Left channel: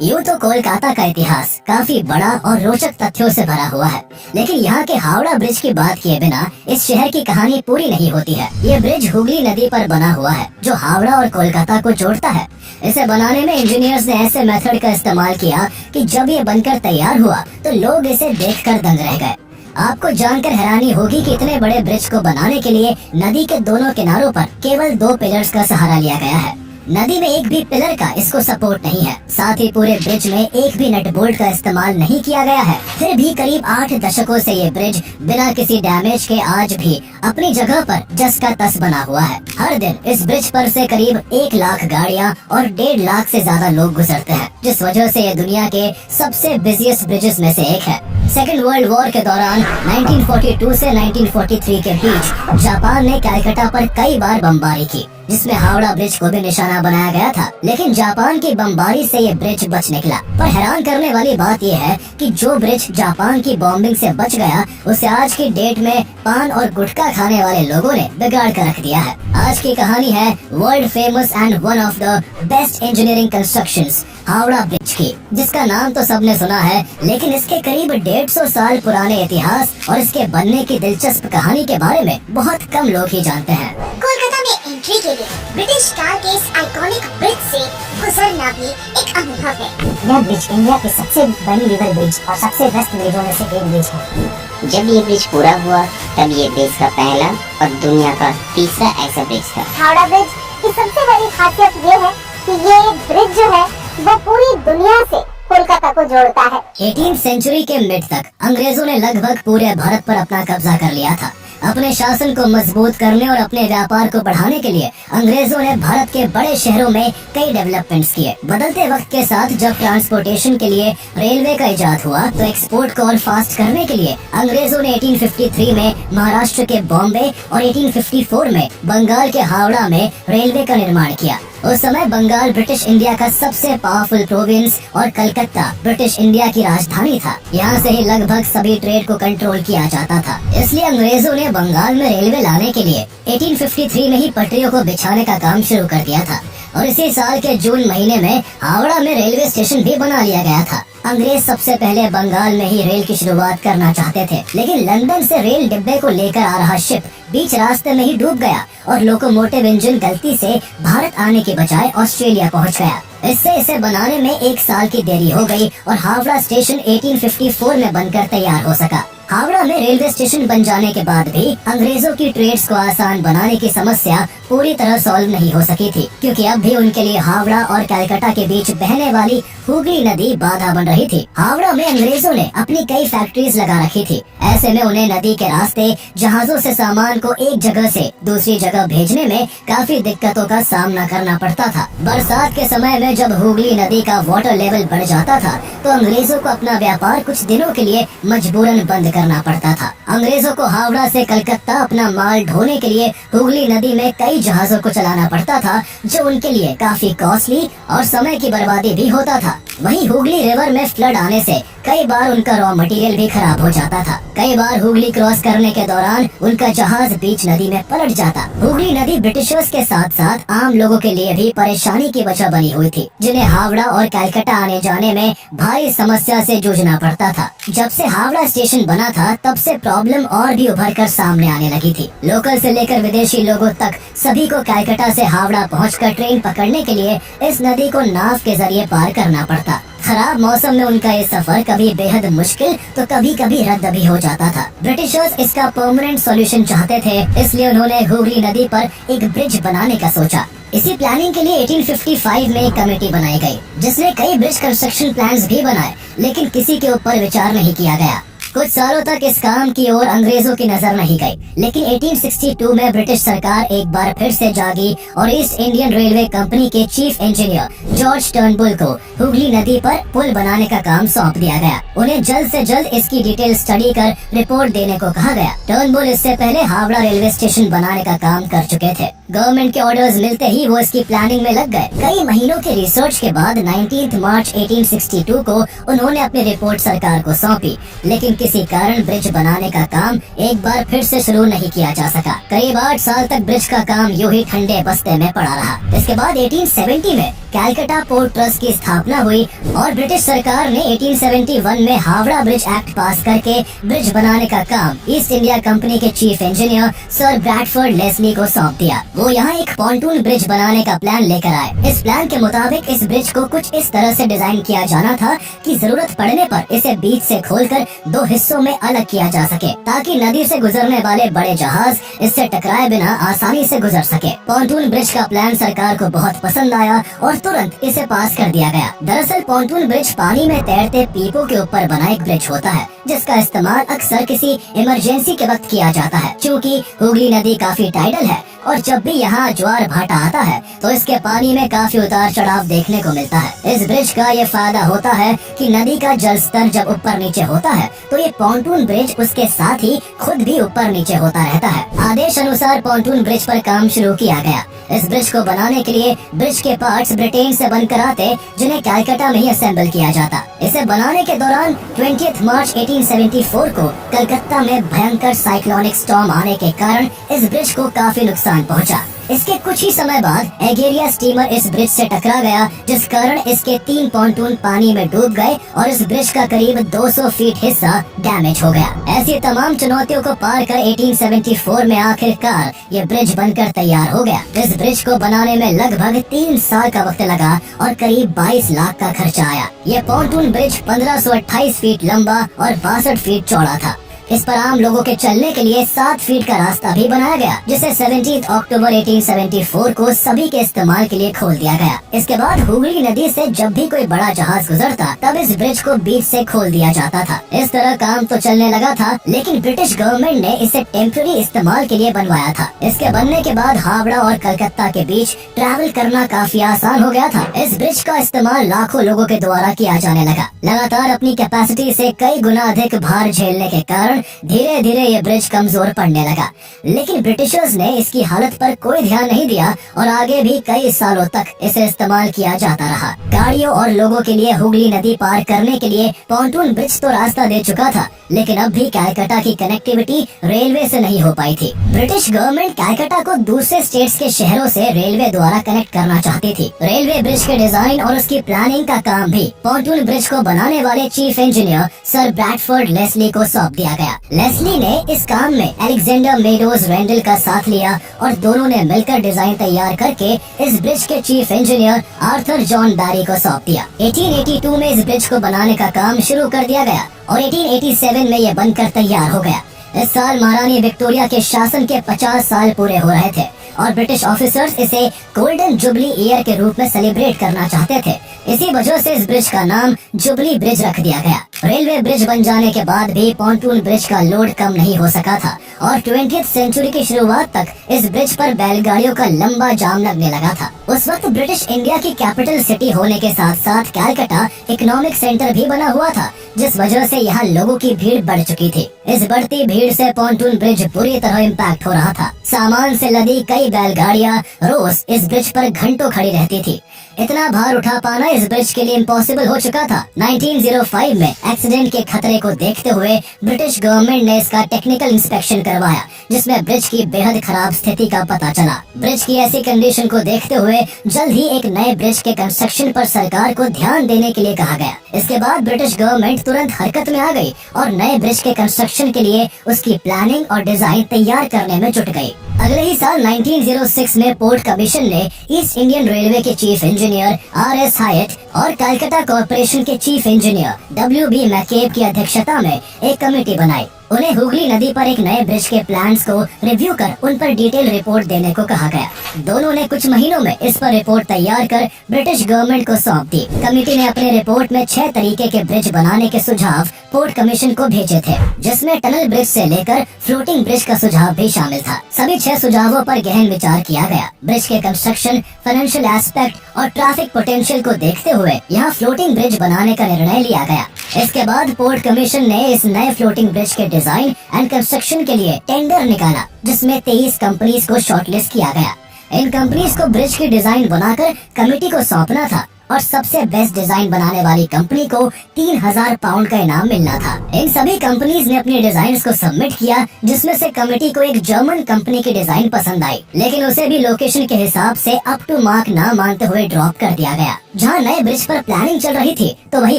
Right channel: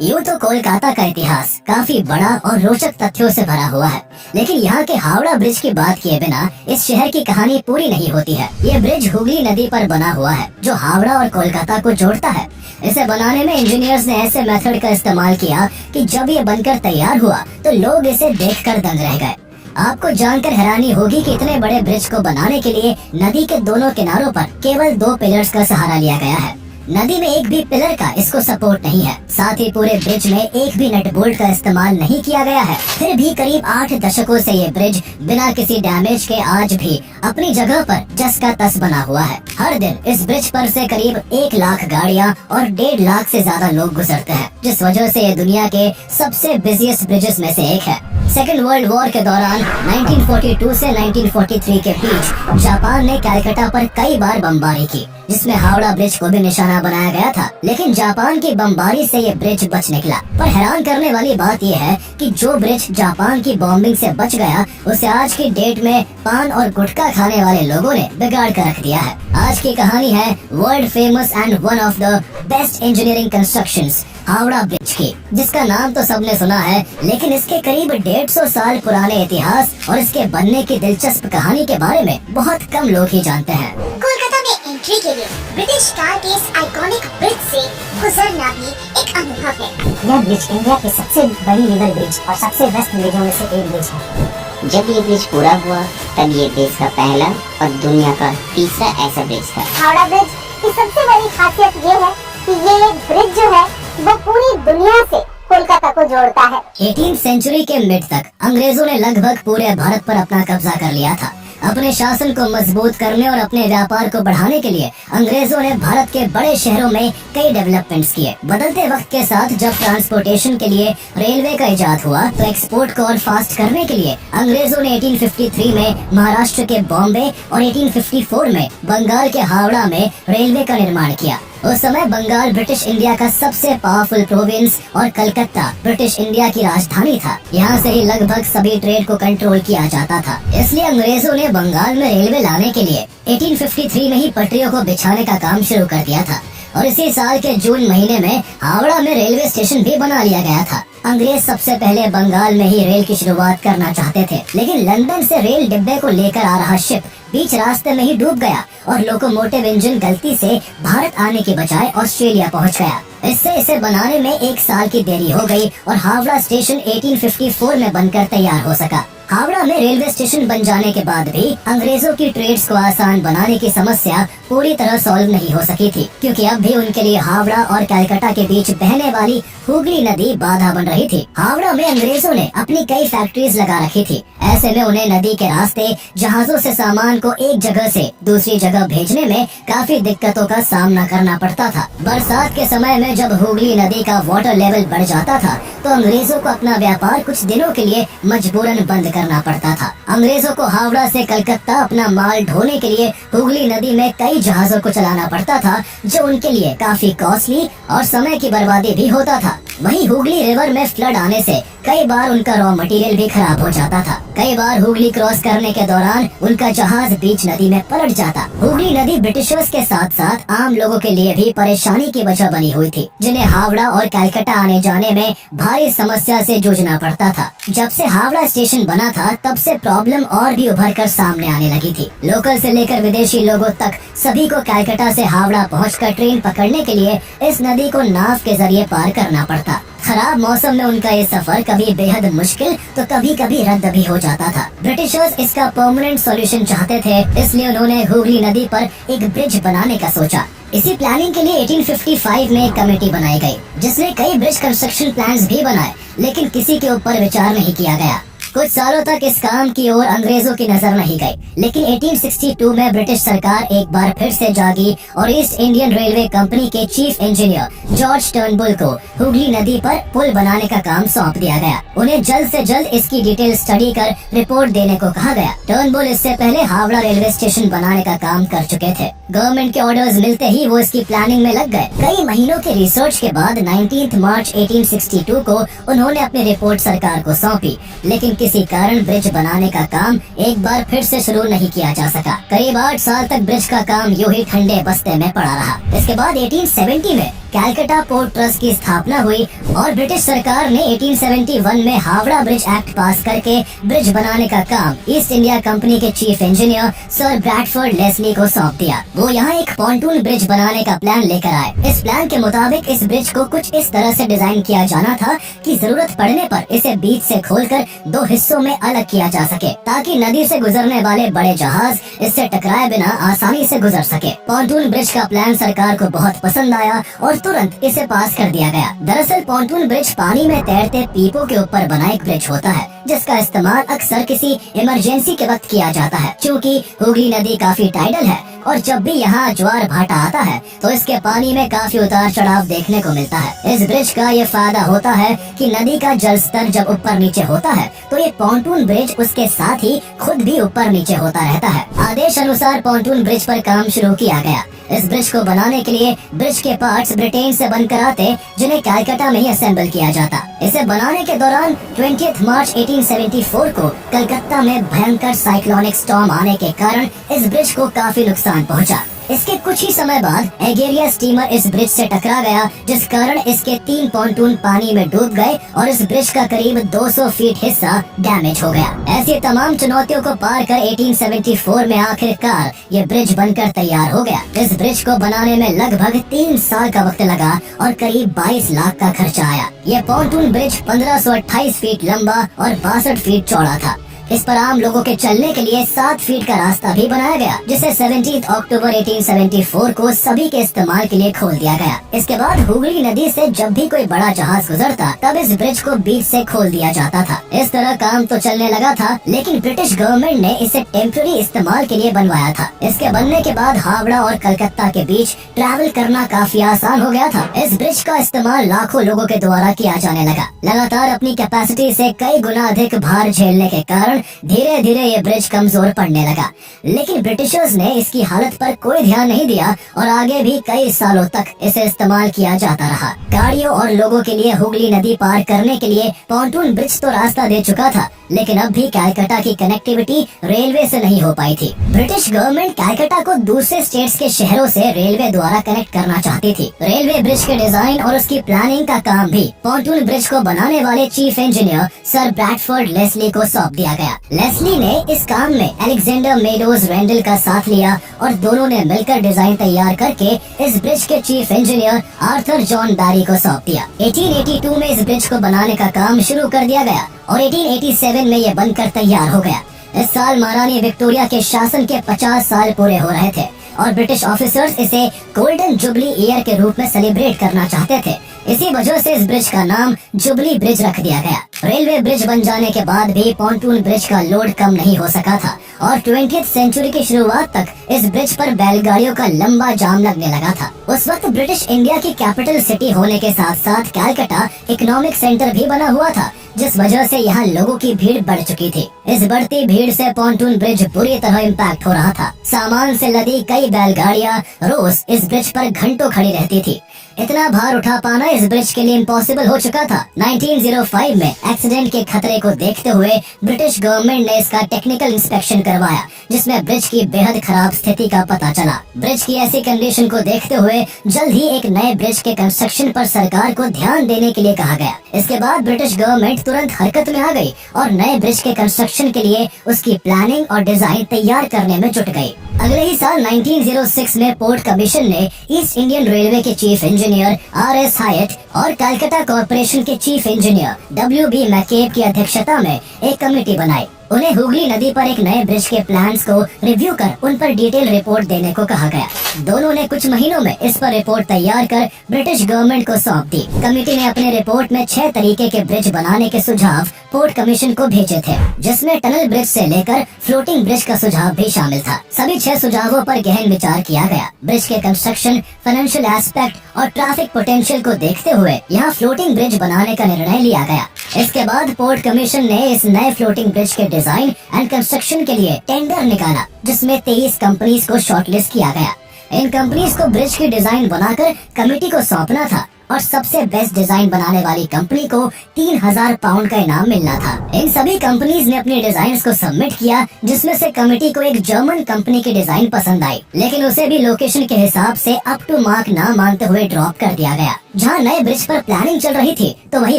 यूँ तो कोलकाता का इतिहास काफी बड़ा और रोचक तथ्यों से भरा हुआ है, लेकिन यहाँ के हावड़ा ब्रिज की बात किए बिना इस शहर की कहानी पूरी नहीं होती है। ये ब्रिज हुगली नदी पर बना हुआ है, जो हावड़ा और कोलकाता को जोड़ता है। इसे बनाने में इंजीनियर्स ने ऐसे मेथड का इस्तेमाल किया कि जब ये बनकर तैयार हुआ तो लोग इसे देखकर दंग रह गए। आपको जानकर हैरानी होगी कि इतने बड़े ब्रिज को बनाने के लिए नदी के दोनों किनारों पर केवल 2 पिलर्स का सहारा लिया गया है। नदी में एक भी पिलर का इसको सपोर्ट नहीं है। साथ ही पूरे ब्रिज में एक भी नट बोल्ट का इस्तेमाल नहीं किया गया है। फिर भी करीब 8 दशकों से ये ब्रिज बिना किसी डैमेज के आज भी अपनी जगह पर जस का तस बना हुआ है। हर दिन इस ब्रिज पर से करीब 1 लाख गाड़ियाँ और 1.5 लाख से ज्यादा लोग गुजरते हैं, जिस वजह से ये दुनिया के सबसे बिजिएस्ट ब्रिजेस में से एक है। सेकेंड वर्ल्ड वॉर के दौरान 1942 से 1943 के बीच जापान ने कलकत्ता पर कई बार बमबारी की, जिसमें हावड़ा ब्रिज को भी निशाना बनाया गया था। लेकिन जापान की बमबारी से ये ब्रिज बच निकला। पर हैरान करने वाली बात यह है कि जो ब्रिज जापान की बॉम्बिंग से बच गया, उसे आज की डेट में पान और गुटखा खाने वाले लोगों ने बिगाड़ कर रख दिया है। आज की कहानी है world famous and one of the best engineering constructions Howrah bridge की, जिसका नाम तो सबने सुना है, लेकिन इसके करीब 150 साल पुराने इतिहास और इसके बनने की दिलचस्प कहानी के बारे में बहुत कम लोग ही जानते हैं। कोलकाता में एंट्री के लिए ब्रिटिश कार के इस आइकॉनिक ब्रिज से गुजरना भी एक अनुभव है। यह ब्रिज इंडिया की सबसे बड़ी रिवर ब्रिज और सबसे बेस्ट ब्रिजों में से एक ब्रिज है। जब ये ब्रिज पूरा हुआ तब ये देश का पहला और दुनिया का तीसरा ऐसा ब्रिज था। हावड़ा ब्रिज की सबसे बड़ी खासियत ये है कि ये ब्रिज जो है वो पूरी दुनिया से कोलकाता को जोड़ता है। 18वीं सेंचुरी के मिड तक अंग्रेजों ने लगभग पूरे भारत पर अपना कब्जा कर लिया था। अपने शासन को मजबूत करने और अपने व्यापार को बढ़ाने के लिए अंग्रेजों ने भारत के बड़े शहरों में कई डेवलपमेंट्स किए। बदलते वक्त के साथ जब ट्रांसपोर्टेशन के लिए रेलवे का इजाद हुआ, तो एक्सपोर्ट को और फास्ट करने के लिए अंग्रेजों ने 1853 में महाराष्ट्र के बॉम्बे और 1854 में बंगाल के हावड़ा में रेलवे का निर्माण किया। उस समय बंगाल ब्रिटिश इंडिया का सबसे पावरफुल प्रोविंस और कलकत्ता ब्रिटिश इंडिया की राजधानी था। यहाँ से ही लगभग सभी ट्रेड को कंट्रोल किया जाता था। इसलिए अंग्रेजों ने बंगाल में रेलवे लाने के लिए 1853 में ही पटरियों को बिछाने का काम शुरू कर दिया था और इसी साल के जून महीने में हावड़ा में रेलवे स्टेशन भी बना लिया गया था। अंग्रेज सबसे पहले बंगाल में ही रेल की शुरुआत करना चाहते थे, लेकिन लंदन से रेल डिब्बे को लेकर आ रहा शिप बीच रास्ते में ही डूब गया और लोकोमोटिव इंजन गलती से भारत आने के बजाय ऑस्ट्रेलिया पहुंच गया। इससे इसे बनाने में 1 साल की देरी हो गई और हावड़ा स्टेशन 1854 में बनकर तैयार हो सका। हावड़ा में रेलवे स्टेशन बन जाने के बाद भी अंग्रेजों की ट्रेड्स को आसान बनाने की समस्या पूरी तरह सॉल्व नहीं हो सकी थी, क्योंकि अब भी उनके लिए हावड़ा और कलकत्ता के बीच बहने वाली हुगली नदी बाधा बन रही थी। हावड़ा में अंग्रेजों ने अपनी कई फैक्ट्रीज लगा रखी थी। ऐसे में उन्हें नदी के रास्ते जहाजों से सामान को एक जगह से दूसरी जगह भेजने में काफी दिक्कतों का सामना करना पड़ता था। बरसात के समय में जब हुगली नदी का वाटर लेवल बढ़ जाता था, तो अंग्रेजों को अपना व्यापार कुछ दिनों के लिए मजबूरन बंद करना पड़ता था। अंग्रेजों को हावड़ा से कलकत्ता अपना माल ढोने के लिए हुगली नदी में कई जहाजों को चलाना पड़ता था, जो उनके लिए काफी कॉस्टली और समय की बर्बादी भी होता था। वहीं हुगली रिवर में फ्लड आने से कई बार उनका रॉ मटेरियल भी खराब हो जाता था। कई बार हुगली क्रॉस करने के दौरान उनका जहाज बीच नदी में पलट जाता। हुगली नदी ब्रिटिशर्स के साथ साथ आम लोगों के लिए भी परेशानी की वजह बनी हुई थी, जिन्हें हावड़ा और कलकत्ता आने जाने में भारी समस्या से जूझना पड़ता था। जब से हावड़ा स्टेशन बना था, तब से प्रॉब्लम और भी उभर कर सामने आने लगी थी। लोकल से लेकर विदेशी लोगों तक सभी को कलकत्ता से हावड़ा पहुंचकर ट्रेन पकड़ने के लिए इस नदी को नाव के जरिए पार करना पड़ता। खराब मौसम में उनका ये सफर कभी बेहद मुश्किल तो कभी कभी रद्द भी हो जाता था। ब्रिटिशर्स इसका परमानेंट सॉल्यूशन चाहते थे, इसलिए उन्होंने हुगली नदी पर एक ब्रिज बनाने का सोचा। इसी प्लानिंग के लिए 1855 में एक कमेटी बनाई गई, जिसने कई ब्रिज कंस्ट्रक्शन प्लान्स भी बनाए, लेकिन किसी के ऊपर विचार नहीं किया गया। कुछ सालों तक इस काम की ओर अंग्रेजों की नजर नहीं गई, लेकिन 1862 में ब्रिटिश सरकार एक बार फिर से जागी और ईस्ट इंडियन रेलवे कंपनी के चीफ इंजीनियर जॉर्ज टर्नबुल को हुगली नदी पर पुल बनाने का काम सौंप दिया गया। उन्हें जल्द से जल्द इसकी डिटेल स्टडी कर रिपोर्ट देने को कहा गया। टर्नबुल इससे पहले हावड़ा रेलवे स्टेशन बनाने का काम कर चुके थे। गवर्नमेंट के ऑर्डर्स मिलते ही वो इसकी प्लानिंग में लग गए। कई महीनों के रिसर्च के बाद 19 मार्च 1862 को उन्होंने अपनी रिपोर्ट सरकार को सौंपी, लेकिन किसी कारण ब्रिज बनाने का काम एक बार फिर से शुरू नहीं किया जा सका। करीब 8 साल तक ब्रिज का काम यूं ही ठंडे बस्ते में पड़ा रहा। इसके बाद 1870 में कैलकाटा पोर्ट ट्रस्ट की स्थापना हुई और ब्रिटिश सरकार ने 1871 में हावड़ा ब्रिज एक्ट पास करके ब्रिज बनाने का काम ईस्ट इंडिया कंपनी के chief engineer sir Bradford Leslie को सौंप दिया। वो यहाँ एक पॉन्टून ब्रिज बनाने का प्लान लेकर आए। इस प्लान के मुताबिक इस ब्रिज को कुछ इस तरह से डिजाइन किया जाना था कि जरूरत पड़ने पर इसे बीच से खोलकर दो हिस्सों में अलग किया जा सके, ताकि नदी से गुजरने वाले बड़े जहाज इससे टकराए बिना आसानी से गुजर सके। पॉन्टून ब्रिज का प्लान सरकार को बहुत पसंद आया और तुरंत इसे पास कर दिया गया। दरअसल पॉन्टून ब्रिज पानी में तैरते पीपों के ऊपर बना एक ब्रिज होता है, जिसका इस्तेमाल अक्सर किसी इमरजेंसी के वक्त किया जाता है। क्योंकि हुगली नदी काफी टाइडल है और जब भी यहाँ ज्वार भाटा आता है तो इसके पानी में काफी उतार चढ़ाव देखने को मिलता है। इस ब्रिज का ये फायदा होता है कि नदी का जल स्तर जब ऊपर नीचे होता है तो ये पॉन्टून ब्रिज उसके साथ ही खुद भी ऊपर नीचे होता रहता है। आदेश अनुसार पॉन्टून ब्रिज पर काम शुरू किया गया। इस ब्रिज को बनाने के लिए ब्रिज के पार्ट्स ब्रिटेन से बनकर आते, जिन्हें कैलकाटा में ही असेंबल किया जाता। इसे बनाने के दौरान 20 मार्च 1874 को कलकत्ता में भयंकर साइक्लोनिक स्टॉर्म आने के कारण इस ब्रिज को काफी नुकसान पहुंचा। इसके कुछ ही समय बाद एगेरिया स्टीमर इस ब्रिज से टकरा गया, जिस कारण इसके 3 पॉन्टून पानी में डूब गए और इस ब्रिज का करीब 200 फीट हिस्सा डैमेज हो गया। ऐसी तमाम चुनौतियों को पार कर 1874 में आखिरकार ये ब्रिज बनकर तैयार हो गया। इस ब्रिज को बनाने में लगभग 3 साल का वक्त लगा और करीब 22 लाख का खर्चा आया। ये पॉन्टून ब्रिज 1528 फीट लंबा और 62 फीट चौड़ा था। इस पर आम लोगों के चलने के लिए 7 फीट का रास्ता भी बनाया गया, जिसे 17 अक्टूबर 1874 को सभी के इस्तेमाल के लिए खोल दिया गया। इसके बाद हुगली नदी से जब भी कोई बड़ा जहाज गुजरता तब इस ब्रिज को बीच से खोल दिया जाता था। इस तरह काम तो चलने लगा था, लेकिन ब्रिटिश गवर्नमेंट ने इसे टेम्पररी इस्तेमाल के लिए बनवाया था। इसके बनने के बाद हावड़ा और कलकत्ता के बीच ट्रैवल करना काफी आसान हो गया था। इस ब्रिज का इस्तेमाल लाखों लोगों के द्वारा किया जाने लगा। लगातार अपनी कैपेसिटी से कई गुना अधिक भार झेलने के कारण धीरे धीरे ये ब्रिज कमजोर पड़ने लगा। लेकिन ब्रिटिशर्स ने इसकी हालत पर कोई ध्यान नहीं दिया और आगे भी कई सालों तक इसे इस्तेमाल किया जाता रहा। गाड़ियों और लोगों के लिए हुगली नदी पार करने के लिए पॉन्टून ब्रिज तो रास्ता दे चुका था, लेकिन अब भी कैलकाटा की कनेक्टिविटी रेलवे से नहीं हो पाई थी। ब्रिटिश गवर्नमेंट कैलकाटा को दूसरे स्टेट्स के शहरों से रेलवे द्वारा कनेक्ट करना चाहती थी। रेलवे ब्रिज के डिजाइन और उसकी प्लानिंग का काम भी पॉन्टून ब्रिज को बनाने वाले chief engineer sir Bradford Leslie को सौंप दिया गया। लेस्ली ने इस काम में अलेक्जेंडर मेडोज रेंडल का साथ लिया और दोनों ने मिलकर डिजाइन तैयार करके इस ब्रिज के चीफ इंजीनियर आर्थर जॉन बैरी को सौंप दिया। 1882 में इस ब्रिज को बनाने का काम शुरू कर दिया गया और 1887 में ये बनकर तैयार हो गया। इस साल महारानी विक्टोरिया के शासन के 50 साल पूरे हो रहे थे और ब्रिटिश ऑफिसर्स इसे गोल्डन जुबली ईयर के रूप में सेलिब्रेट करना चाहते थे। इसी वजह से इस ब्रिज का नाम जुबली ब्रिज रख दिया गया। रेलवे ब्रिज बन जाने के बाद भी पॉन्टून ब्रिज का लोड कम नहीं हो सका था और 20वीं सेंचुरी की शुरुआत तक इस ब्रिज पर बैलगाड़ियों का लंबा जाम लगने लगा था। उस वक्त ब्रिटिश इंडिया की कैपिटल सिटी होने के साथ साथ कैलकाटा इकोनॉमिक सेंटर भी बना हुआ था, जिस वजह से यहाँ लोगों की भीड़ बढ़ चुकी थी। इस बढ़ती भीड़ से पॉन्टून ब्रिज बुरी तरह इम्पैक्ट हो रहा था। सामान से लदी कई बैलगाड़ियाँ रोज इस ब्रिज पर घंटों खड़ी रहती थी। इतना भार उठा पाना इस ब्रिज के लिए इम्पॉसिबल हो चुका था। 1905 में एक्सीडेंट के खतरे को देखते हुए ब्रिटिश गवर्नमेंट ने इसका टेक्निकल इंस्पेक्शन करवाया, जिसमें ब्रिज की बेहद खराब स्थिति का पता चला। ब्रिज की ऐसी कंडीशन को देखते हुए जल्द ही एक नए ब्रिज के कंस्ट्रक्शन पर सरकार को ध्यान देने के लिए कहा गया। इसके बाद ब्रिटिश गवर्नमेंट तुरंत हरकत में आ गई और नए ब्रिज के कंस्ट्रक्शन के लिए उसकी प्लानिंग और डिजाइन तैयार करने में जुट गई। अगले ही साल 1906 में पोर्ट कमीशन ने ईस्ट इंडियन रेलवे के चीफ इंजीनियर R.S. हायट और कलकत्ता कॉर्पोरेशन के चीफ इंजीनियर W.B. मैकेब की अध्यक्षता में एक कमेटी बनाई। उन्हें हुगली नदी पर एक नए ब्रिज के प्लान्स को रिव्यू कर उन पर डिटेल रिपोर्ट देने को कहा गया। दोनों ने कुछ महीनों में इस पर रिपोर्ट तैयार कर ब्रिटिश गवर्नमेंट को सौंप दी। कमेटी ने अपने रिपोर्ट में 6 तरीके के ब्रिज बनाने के सुझाव पोर्ट कमीशन को भेजे थे, जिसमें टनल ब्रिज से लेकर फ्लोटिंग ब्रिज का सुझाव भी शामिल था। सभी 6 सुझावों पर गहन विचार किया गया। ब्रिज के कंस्ट्रक्शन, फाइनेंशियल एस्पेक्ट और ट्रैफिक पोटेंशियल को देखते हुए यहाँ फ्लोटिंग ब्रिज बनाने का निर्णय लिया गया। इसके बाद पोर्ट कमीशन ने इस नए फ्लोटिंग ब्रिज के डिजाइन एंड कंस्ट्रक्शन के लिए टेंडर निकाला, जिसमें 23 कंपनीज को शॉर्टलिस्ट किया गया। इन कंपनीज को ब्रिज की डिजाइन बनाकर कमेटी को सौंपना था और सबसे बेस्ट डिजाइन बनाने वाली कंपनी को 3000 पाउंड का इनाम मिलना था। इन सभी कंपनीज ने अपने डिजाइन को सबमिट किया, जिसमें से कमेटी को एक जर्मन कंपनी की डिजाइन पसंद आई, लेकिन उसे भी लोकेशन के हिसाब से अप टू मार्क ना मानते हुए ड्रॉप कर दिया गया। जहाँ नए ब्रिज पर प्लानिंग चल रही थी, तो वही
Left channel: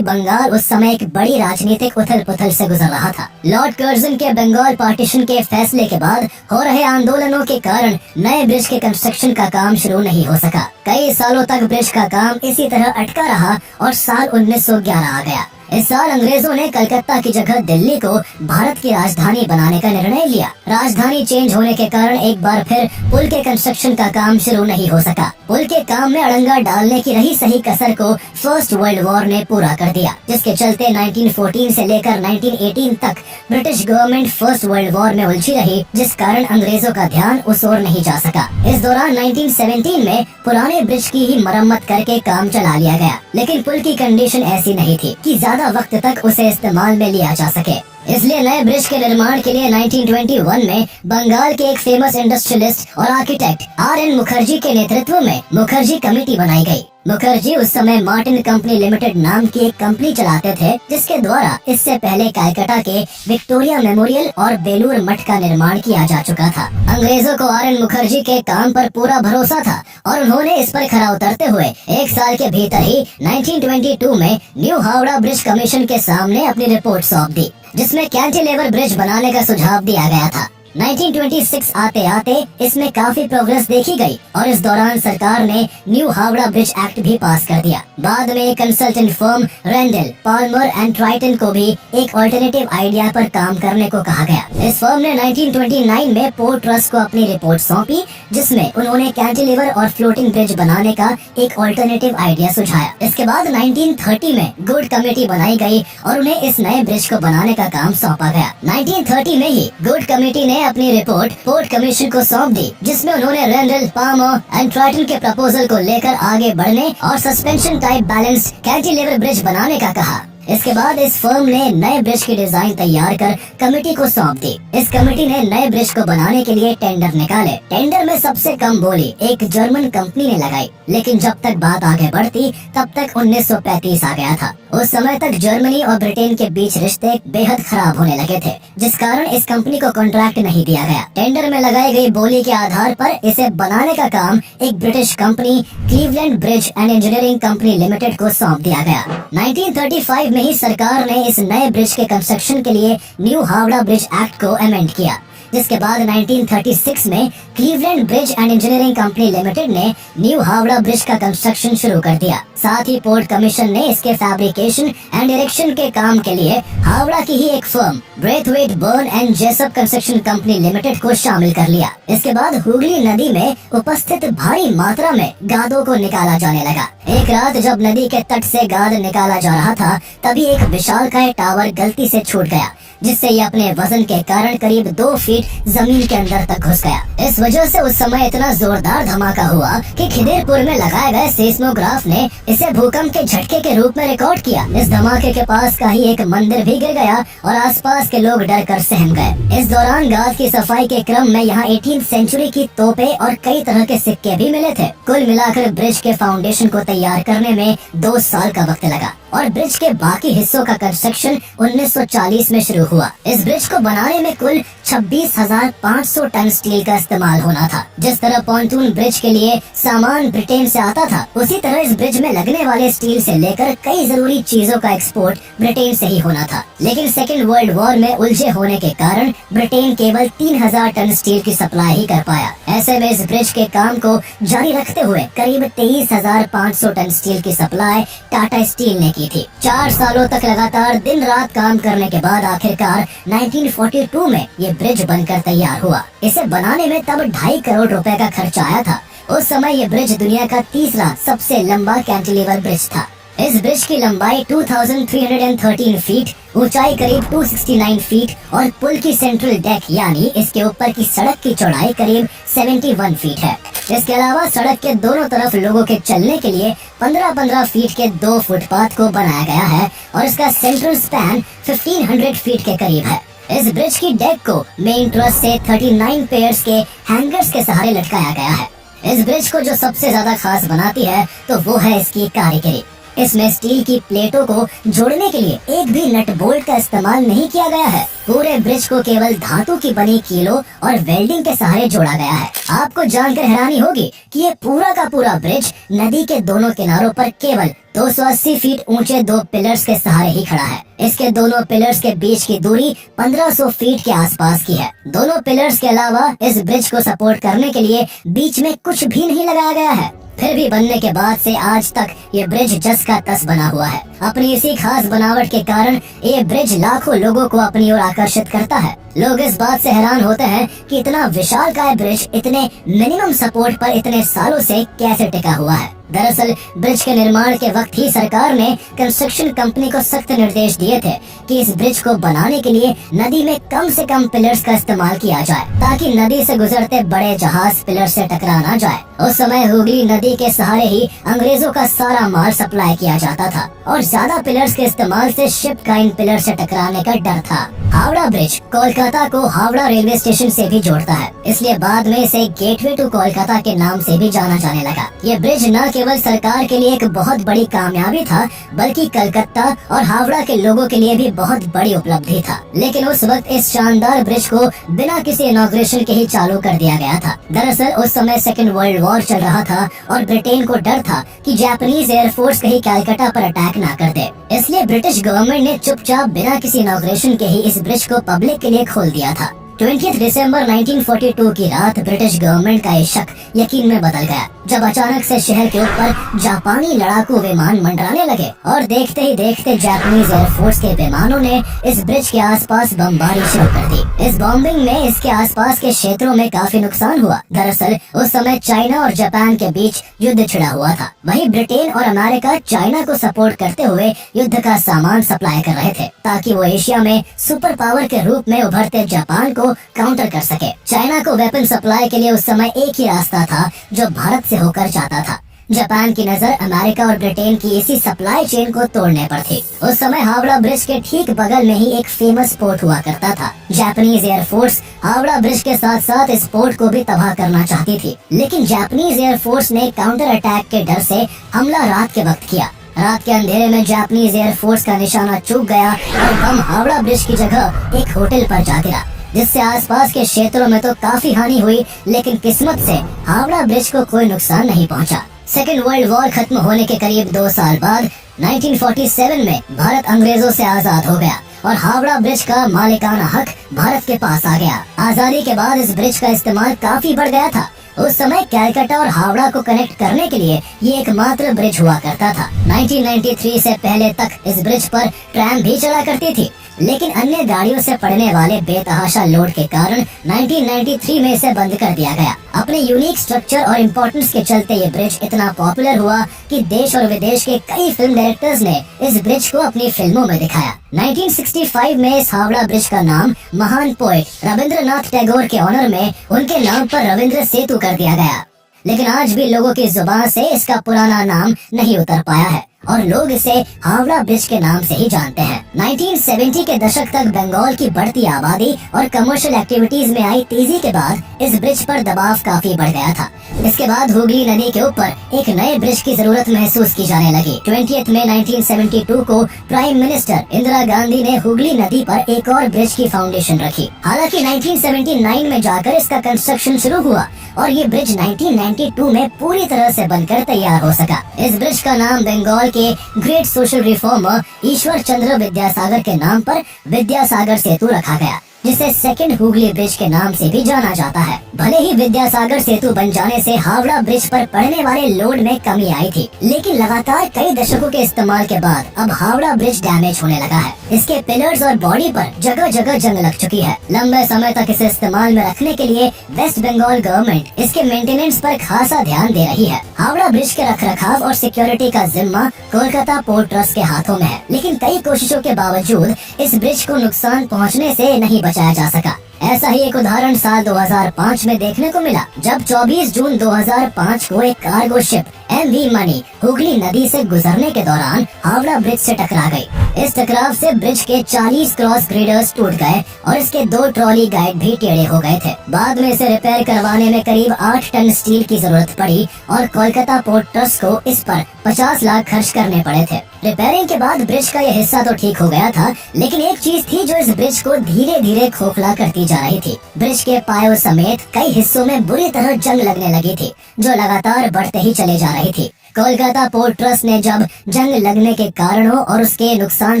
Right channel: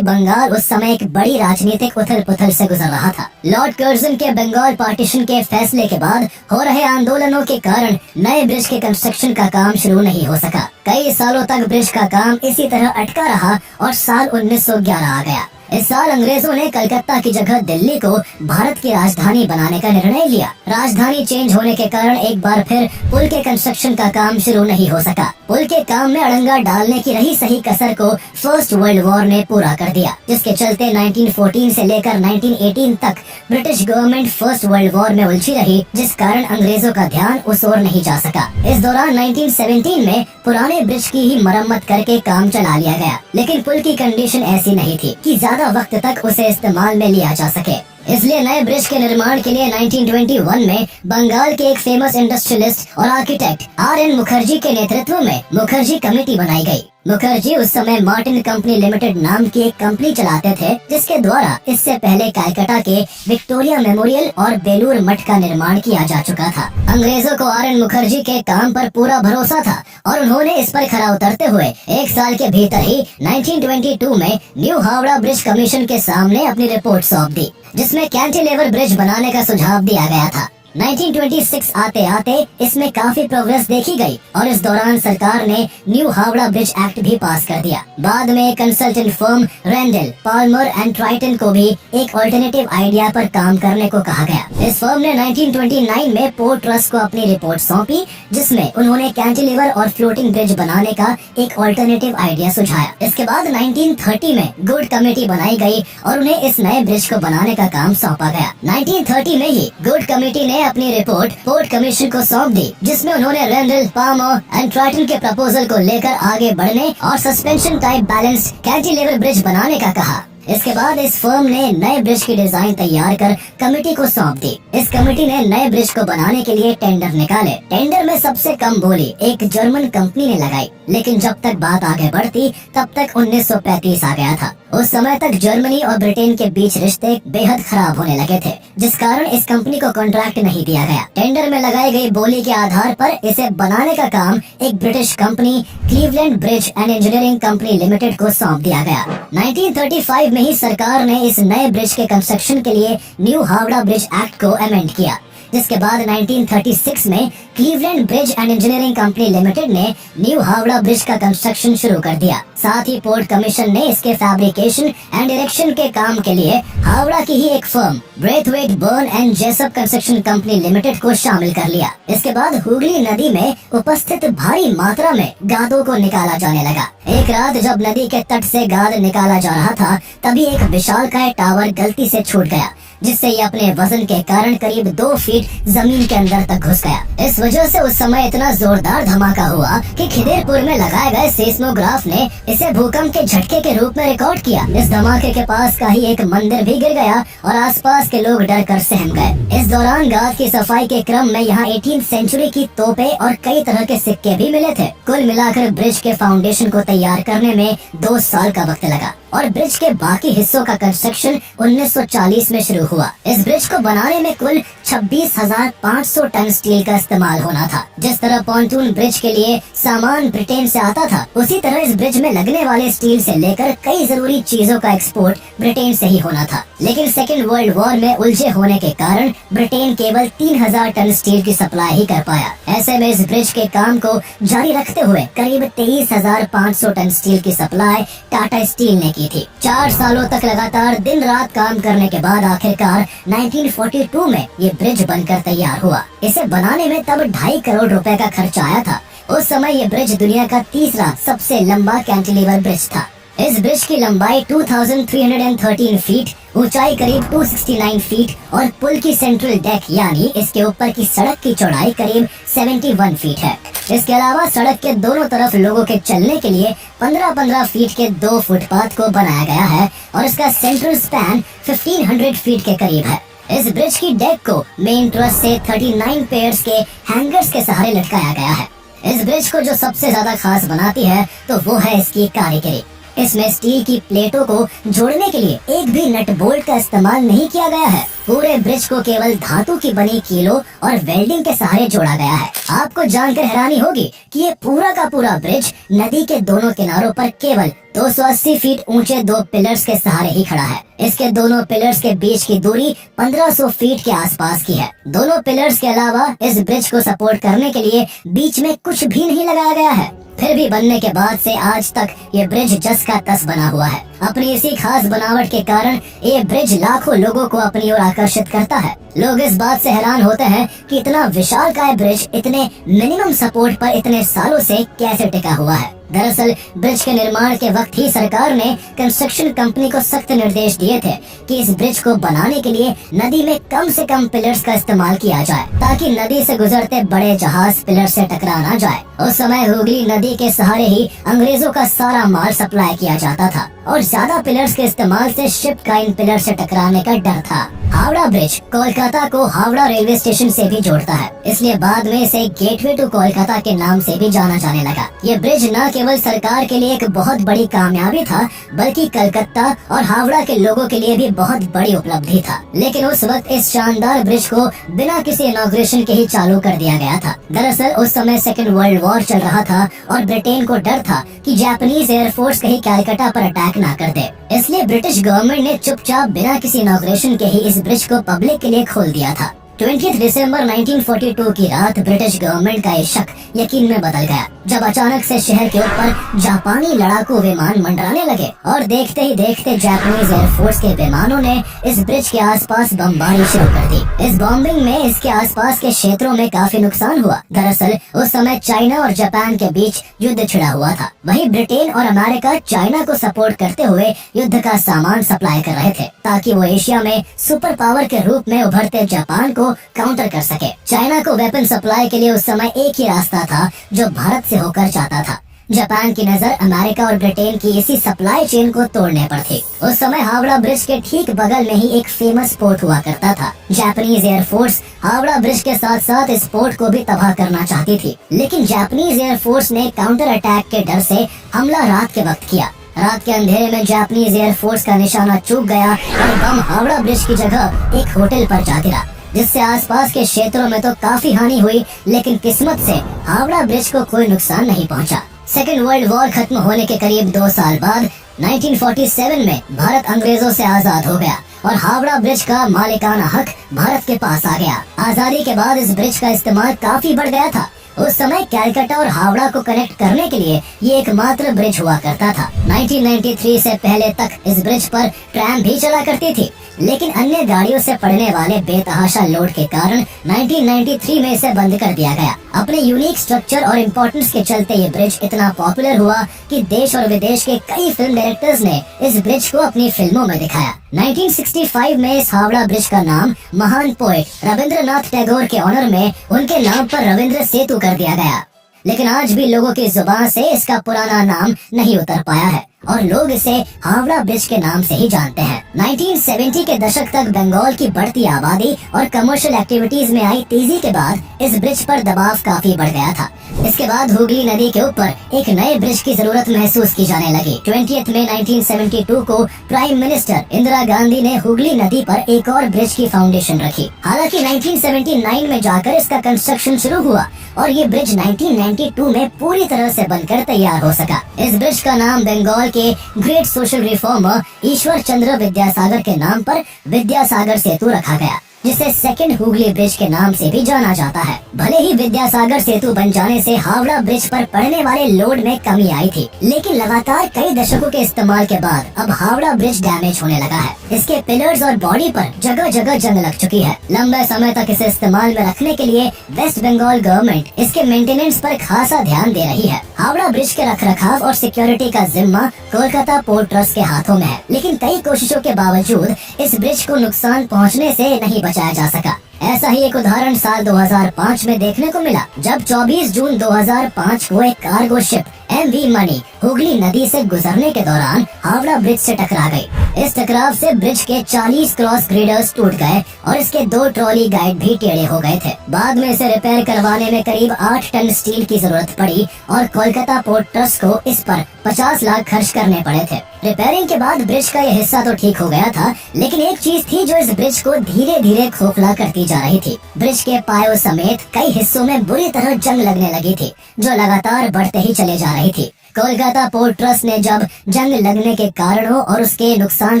बंगाल उस समय एक बड़ी राजनीतिक उथल पुथल से गुजर रहा था। लॉर्ड कर्जन के बंगाल पार्टीशन के फैसले के बाद हो रहे आंदोलनों के कारण नए ब्रिज के कंस्ट्रक्शन का काम शुरू नहीं हो सका। कई सालों तक ब्रिज का काम इसी तरह अटका रहा और साल 1911 आ गया। इस साल अंग्रेजों ने कलकत्ता की जगह दिल्ली को भारत की राजधानी बनाने का निर्णय लिया। राजधानी चेंज होने के कारण एक बार फिर पुल के कंस्ट्रक्शन का काम शुरू नहीं हो सका। पुल के काम में अड़ंगा डालने की रही सही कसर को फर्स्ट वर्ल्ड वॉर ने पूरा कर दिया, जिसके चलते 1914 से लेकर 1918 तक British government first world war में उलझी रही, जिस कारण अंग्रेजों का ध्यान उस ओर नहीं जा सका। इस दौरान 1917 में पुराने ब्रिज की ही मरम्मत करके काम चला लिया गया, लेकिन पुल की कंडीशन ऐसी नहीं थी कि ज्यादा वक्त तक उसे इस्तेमाल में लिया जा सके। इसलिए नए ब्रिज के निर्माण के लिए 1921 में बंगाल के एक फेमस इंडस्ट्रियलिस्ट और आर्किटेक्ट RN मुखर्जी के नेतृत्व में मुखर्जी कमेटी बनाई गई। मुखर्जी उस समय मार्टिन कंपनी लिमिटेड नाम की एक कंपनी चलाते थे, जिसके द्वारा इससे पहले कलकत्ता के विक्टोरिया मेमोरियल और बेलूर मठ का निर्माण किया जा चुका था। अंग्रेजों को RN मुखर्जी के काम पर पूरा भरोसा था और उन्होंने इस पर खरा उतरते हुए एक साल के भीतर ही 1922 में न्यू हावड़ा ब्रिज कमीशन के सामने अपनी रिपोर्ट सौंप दी, जिसमें कैंटिलीवर ब्रिज बनाने का सुझाव दिया गया था। 1926 आते आते इसमें काफी प्रोग्रेस देखी गई और इस दौरान सरकार ने न्यू हावड़ा ब्रिज एक्ट भी पास कर दिया। बाद में consultant firm Rendel, Palmer and Tritton को भी एक ऑल्टरनेटिव आइडिया पर काम करने को कहा गया। इस फर्म ने 1929 में पोर्ट ट्रस्ट को अपनी रिपोर्ट सौंपी, जिसमें उन्होंने कैंटिलीवर और फ्लोटिंग ब्रिज बनाने का एक ऑल्टरनेटिव आइडिया सुझाया। इसके बाद 1930 में गुड कमेटी बनाई गई और उन्हें इस नए ब्रिज को बनाने का काम सौंपा गया। 1930 में ही गुड कमेटी ने अपनी रिपोर्ट पोर्ट कमीशन को सौंप दी, जिसमें उन्होंने रेंडल, पाल्मर एंड ट्राइटन के प्रपोजल को लेकर आगे बढ़ने और suspension type balanced cantilever bridge बनाने का कहा। इसके बाद इस फर्म ने नए ब्रिज की डिजाइन तैयार कर कमेटी को सौंप दी। इस कमेटी ने नए ब्रिज को बनाने के लिए टेंडर निकाले। टेंडर में सबसे कम बोली एक जर्मन कंपनी ने लगाई, लेकिन जब तक बात आगे बढ़ती तब तक 1935 आ गया था। उस समय तक जर्मनी और ब्रिटेन के बीच रिश्ते बेहद खराब होने लगे थे, जिस कारण इस कंपनी को कॉन्ट्रैक्ट नहीं दिया गया। टेंडर में लगाई गई बोली के आधार पर इसे बनाने का काम एक British company Cleveland bridge and engineering company limited को सौंप दिया गया। 1935 में ही सरकार ने इस नए ब्रिज के कंस्ट्रक्शन के लिए न्यू हावड़ा ब्रिज एक्ट को अमेंड किया, जिसके बाद 1936 में Cleveland bridge and engineering company limited ने न्यू हावड़ा ब्रिज का कंस्ट्रक्शन शुरू कर दिया। साथ ही पोर्ट कमीशन ने इसके फैब्रिकेशन एंड इरेक्शन के काम के लिए हावड़ा की ही एक firm Braithwaite Burn and Jessop construction company limited को शामिल कर लिया। इसके बाद हुगली नदी में उपस्थित भारी मात्रा में गादों को निकाला जाने लगा। एक रात जब नदी के तट से गाद निकाला जा रहा था, तभी एक विशालकाय टावर गलती से छूट गया, जिससे ये अपने वजन के कारण करीब 2 फीट जमीन के अंदर तक घुस गया। इस वजह से उस समय इतना जोरदार धमाका हुआ कि खिदिरपुर में लगाए गए सेस्मोग्राफ ने इसे भूकंप के झटके के रूप में रिकॉर्ड किया। इस धमाके के पास का ही एक मंदिर भी गिर गया और आसपास के लोग डर कर सहम गए। इस दौरान गाद की सफाई के क्रम में यहाँ 18वीं सेंचुरी की तोपें और कई तरह के सिक्के भी मिले थे। कुल मिलाकर ब्रिज के फाउंडेशन को तैयार करने में 2 साल का वक्त लगा और ब्रिज के बाकी हिस्सों का कंस्ट्रक्शन 1940 में शुरू हुआ। इस ब्रिज को बनाने में कुल 26,500 टन स्टील का इस्तेमाल होना था। जिस तरह पॉन्टून ब्रिज के लिए सामान ब्रिटेन से आता था, उसी तरह इस ब्रिज में लगने वाले स्टील से लेकर कई जरूरी चीजों का एक्सपोर्ट ब्रिटेन से ही होना था। लेकिन सेकेंड वर्ल्ड वॉर में उलझे होने के कारण ब्रिटेन केवल 3,000 टन स्टील की सप्लाई ही कर पाया। ऐसे में इस ब्रिज के काम को जारी रखते हुए करीब 23,500 टन स्टील की सप्लाई टाटा स्टील ने की थी। 4 सालों तक लगातार दिन रात काम करने के बाद आखिरकार 1942 में ये ब्रिज बनकर तैयार हुआ। इसे बनाने में तब 2.5 करोड़ रुपए का खर्च आया था। उस समय ये ब्रिज दुनिया का तीसरा सबसे लंबा कैंटिलीवर ब्रिज था। इस ब्रिज की लंबाई 2313 फीट, ऊंचाई करीब 269 फीट और पुल की सेंट्रल डेक यानी इसके ऊपर की सड़क की चौड़ाई करीब 71 फीट है। इसके अलावा सड़क के दोनों तरफ लोगों के चलने के लिए 15-15 फीट के 2 फुटपाथ को बनाया गया है और इसका सेंट्रल स्पैन 1500 फीट के करीब है। इस ब्रिज की डेक को मेन ट्रस से 39 पेयर्स के हैंगर्स के सहारे लटकाया गया है। इस ब्रिज को जो सबसे ज्यादा खास बनाती है तो वो है इसकी कारीगरी। इसमें स्टील की प्लेटों को जोड़ने के लिए एक भी नट बोल्ट का इस्तेमाल नहीं किया गया है। पूरे ब्रिज को केवल धातु की बनी कीलों और वेल्डिंग के सहारे जोड़ा गया है। आपको जानकर हैरानी होगी कि ये पूरा का पूरा ब्रिज नदी के दोनों किनारों पर केवल 280 फीट ऊंचे 2 पिलर्स के सहारे ही खड़ा है। इसके दोनों पिलर्स के बीच की दूरी 1500 फीट के आसपास की है। दोनों पिलर्स के अलावा इस ब्रिज को सपोर्ट करने के लिए बीच में कुछ भी नहीं लगाया गया है। फिर भी बनने के बाद से आज तक ये ब्रिज जस का तस बना हुआ है। अपनी इसी खास बनावट के कारण ये ब्रिज लाखों लोगों को अपनी ओर आकर्षित करता है। लोग इस बात से हैरान होते हैं कि इतना विशालकाय ब्रिज इतने मिनिमम सपोर्ट पर इतने सालों से कैसे टिका हुआ है। दरअसल ब्रिज के निर्माण के वक्त ही सरकार ने कंस्ट्रक्शन कंपनी को सख्त निर्देश दिए थे कि इस ब्रिज को बनाने के लिए नदी में कम से कम पिलर्स का इस्तेमाल किया जाए, ताकि नदी से गुजरते बड़े जहाज पिलर से टकरा ना जाए। उस समय हुगली नदी के सहारे ही अंग्रेजों का सारा माल सप्लाई किया जाता था और ज्यादा पिलर्स के इस्तेमाल से शिप का इन पिलर से टकराने का डर था। हावड़ा ब्रिज कोलकाता को हावड़ा रेलवे स्टेशन से भी जोड़ता है, इसलिए बाद में इसे गेटवे टू कोलकाता के नाम से भी जाना जाने लगा। ये ब्रिज न केवल सरकार के लिए एक बहुत बड़ी कामयाबी था, बल्कि कलकत्ता और हावड़ा के लोगों के लिए भी बहुत बड़ी उपलब्धि था। लेकिन उस वक्त इस शानदार ब्रिज को बिना किसी इनॉग्रेशन के ही चालू कर दिया गया था। दरअसल उस समय सेकेंड वर्ल्ड वॉर चल रहा था और ब्रिटेन को डर था कि जापानीज एयरफोर्स कहीं कलकत्ता पर अटैक ना कर दे, इसलिए ब्रिटिश गवर्नमेंट ने चुपचाप बिना किसी इनॉग्रेशन के ही इस ब्रिज को पब्लिक के लिए खोल दिया था। 20 दिसंबर 1942 की रात ब्रिटिश गवर्नमेंट का ये शक यकीन में बदल गया, जब अचानक से शहर के ऊपर जापानी लड़ाकू विमान मंडराने लगे और देखते ही देखते जापानीज एयरफोर्स के विमानों ने इस ब्रिज के आसपास बमबारी शुरू कर दी। इस बॉम्बिंग में इसके आसपास के क्षेत्रों में काफी नुकसान हुआ। दरअसल उस समय चाइना और जापान के बीच युद्ध छिड़ा हुआ था। वहीं ब्रिटेन और अमेरिका चाइना को सपोर्ट करते हुए युद्ध का सामान सप्लाई कर रहे थे, ताकि वो एशिया में सुपर पावर के रूप में उभरते जापान को काउंटर कर सके। चाइना को वेपन सप्लाई के लिए उस समय एक ही रास्ता था जो भारत से होकर जाता था। जापान की नजर अमेरिका और ब्रिटेन की इसी सप्लाई चेन को तोड़ने पर थी। उस समय हावड़ा ब्रिज के ठीक बगल में ही एक फेमस पोर्ट हुआ करता था। जापानीज एयरफोर्स हावड़ा ब्रिज के साथ साथ इस पोर्ट को भी तबाह करना चाहती थी, लेकिन जापानीज एयरफोर्स ने काउंटर अटैक के डर से हमला रात के वक्त किया। रात के अंधेरे में जापानीज एयरफोर्स का निशाना चूक गया और बम हावड़ा ब्रिज की जगह एक होटल पर जा गिरा, जिससे आसपास के क्षेत्रों में तो काफी हानि हुई, लेकिन किस्मत से हावड़ा ब्रिज को कोई नुकसान नहीं पहुंचा। सेकेंड वर्ल्ड वॉर खत्म होने के करीब 2 साल बाद 1947 में भारत अंग्रेजों से आजाद हो गया और हावड़ा ब्रिज का मालिकाना हक भारत के पास आ गया। आजादी के बाद इस ब्रिज का इस्तेमाल काफी बढ़ गया था। उस समय कलकत्ता और हावड़ा को कनेक्ट करने के लिए ये एकमात्र ब्रिज हुआ करता था। 1993 से पहले तक इस ब्रिज पर ट्रैम भी चला करती थी, लेकिन अन्य गाड़ियों से पड़ने वाले बेतहाशा लोड के कारण 1993 में इसे बंद कर दिया गया। अपने यूनिक स्ट्रक्चर और इम्पोर्टेंस के चलते ये ब्रिज इतना पॉपुलर हुआ कि देश और विदेश के कई फिल्म डायरेक्टर्स ने इस ब्रिज को अपनी फिल्मों में दिखाया। 1965 में इस हावड़ा ब्रिज का नाम महान पोएट रविंद्रनाथ टैगोर के ऑनर में उनके नाम पर रविंद्र सेतु कर दिया गया, लेकिन आज भी लोगों की जुबान से इसका पुराना नाम नहीं उतर पाया है और लोग इसे हावड़ा ब्रिज के नाम से ही जानते हैं। 1970 के दशक तक बंगाल की बढ़ती आबादी और कमर्शियल एक्टिविटीज में आई तेजी के बाद इस ब्रिज पर दबाव काफी बढ़ गया था। इसके बाद हुगली नदी के ऊपर एक नए ब्रिज की जरूरत महसूस की जाने लगी। 20 मई 1972 को प्राइम मिनिस्टर इंदिरा गांधी ने हुगली नदी पर एक और ब्रिज की फाउंडेशन रखी। हालांकि 1979 में जाकर इसका कंस्ट्रक्शन शुरू हुआ और ये ब्रिज 1992 में पूरी तरह से बनकर तैयार हो सका। इस ब्रिज का नाम बंगाल के great social reformer Ishwar Chandra Vidyasagar के नाम पर विद्यासागर सेतु रखा गया, जिसे सेकंड हुगली ब्रिज के नाम से भी जाना जाता है। भले ही विद्यासागर सेतु बन जाने से हावड़ा ब्रिज पर पड़ने वाले लोड में कमी आई थी, लेकिन लगातार कई दशकों के इस्तेमाल के बाद अब हावड़ा ब्रिज डैमेज होने लगा है। इसके पिलर्स और बॉडी पर जगह जगह जंग लग चुकी है। लंबे समय तक इसे इस्तेमाल में रखने के लिए वेस्ट बंगाल गवर्नमेंट इसके मेंटेनेंस पर खासा ध्यान दे रही है। हावड़ा ब्रिज के रखरखाव और सिक्योरिटी का जिम्मा कोलकाता पोर्ट ट्रस्ट के हाथों में है, लेकिन कई कोशिशों के बावजूद इस ब्रिज को नुकसान पहुँचने से नहीं बचाया जा सका। ऐसा ही एक उदाहरण साल 2005 में देखने को मिला, जब 24 जून 2005 को एक कार्गो शिप MV मणि हुगली नदी से गुजरने के दौरान हावड़ा ब्रिज से टकरा गई। इस टकराव से ब्रिज के 40 क्रॉस ग्रेडर्स टूट गए और इसके 2 ट्रॉली गाइड भी टेढ़े हो गए थे। बाद में इसे रिपेयर करवाने में करीब 8 टन स्टील की जरूरत पड़ी और कोलकाता पोर्ट ट्रस्ट को इस पर 50 लाख खर्च करने पड़े थे। रिपेयरिंग के बाद ब्रिज का यह हिस्सा तो ठीक हो गया था, लेकिन एक चीज थी जो इस ब्रिज को धीरे धीरे खोखला करती जा रही थी। ब्रिज के पायों समेत कई हिस्सों में बुरी तरह जंग लगने लगी थी, जो लगातार बढ़ते ही चले जा रही थी। कोलकाता पोर्ट ट्रस्ट ने जब जंग लगने के कारणों और उसके नुकसान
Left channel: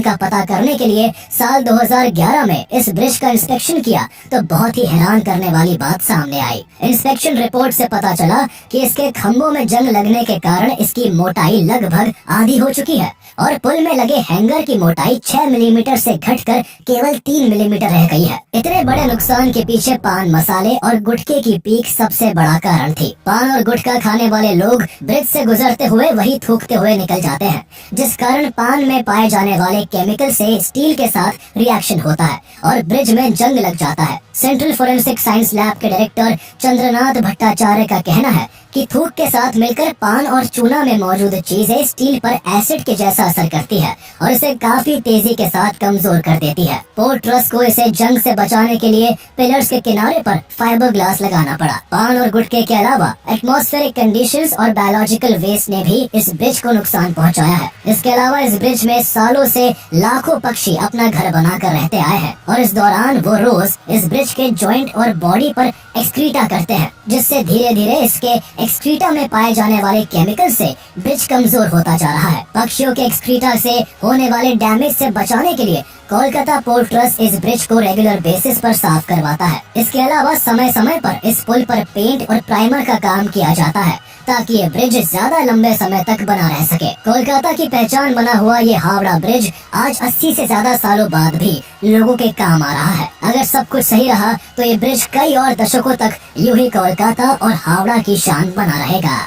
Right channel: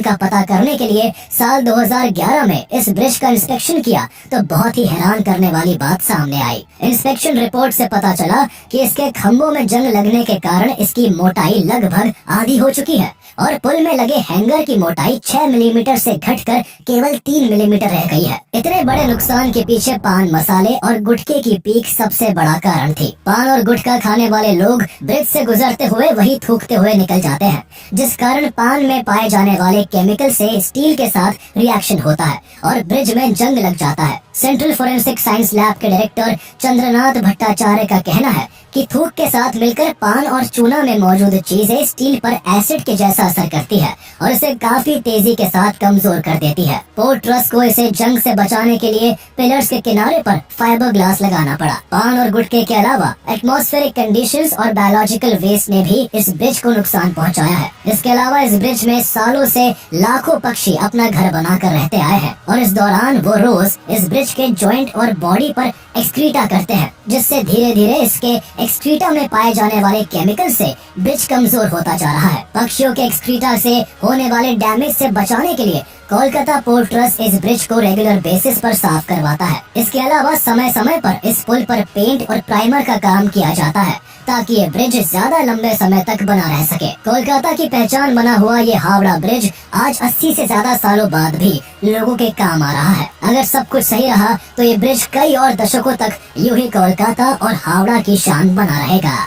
का पता करने के लिए साल 2011 में इस ब्रिज का इंस्पेक्शन किया, तो बहुत ही हैरान करने वाली बात सामने आई। इंस्पेक्शन रिपोर्ट से पता चला कि इसके खंभों में जंग लगने के कारण इसकी मोटाई लगभग आधी हो चुकी है और पुल में लगे हैंगर की मोटाई 6 मिलीमीटर से घटकर केवल 3 मिलीमीटर रह गई है। इतने बड़े नुकसान के पीछे पान मसाले और गुटखे की पीक सबसे बड़ा कारण थी। पान और गुटखा खाने वाले लोग ब्रिज से गुजरते हुए वही थूकते हुए निकल जाते हैं, जिस कारण पान में पाए जाने वाले केमिकल से स्टील के साथ रिएक्शन होता है और ब्रिज में जंग लग जाता है। सेंट्रल फोरेंसिक साइंस लैब के डायरेक्टर चंद्रनाथ भट्टाचार्य का कहना है कि थूक के साथ मिलकर पान और चूना में मौजूद चीजें स्टील पर एसिड के जैसा असर करती है और इसे काफी तेजी के साथ कमजोर कर देती है। पोर्ट ट्रस्ट को इसे जंग से बचाने के लिए पिलर्स के किनारे पर फाइबर ग्लास लगाना पड़ा। पान और गुटखे के अलावा एटमॉस्फेरिक कंडीशंस और बायोलॉजिकल वेस्ट ने भी इस ब्रिज को नुकसान पहुंचाया है। इसके अलावा इस ब्रिज में सालों से लाखों पक्षी अपना घर बनाकर रहते आए हैं और इस दौरान वो रोज इस ब्रिज के जॉइंट और बॉडी पर एक्सक्रीटा करते हैं, जिससे धीरे धीरे इसके एक्सक्रीटा में पाए जाने वाले केमिकल से ब्रिज कमजोर होता जा रहा है। पक्षियों के एक्सक्रीटा से होने वाले डैमेज से बचाने के लिए कोलकाता पोर्ट ट्रस्ट इस ब्रिज को रेगुलर बेसिस पर साफ करवाता है। इसके अलावा समय समय पर इस पुल पर पेंट और प्राइमर का काम किया जाता है ताकि ये ब्रिज ज्यादा लंबे समय तक बना रह सके। कोलकाता की पहचान बना हुआ ये हावड़ा ब्रिज आज 80 से ज्यादा सालों बाद भी लोगों के काम आ रहा है। अगर सब कुछ सही रहा तो ये ब्रिज कई और दशकों तक यूं ही कोलकाता और हावड़ा की शान बना रहेगा।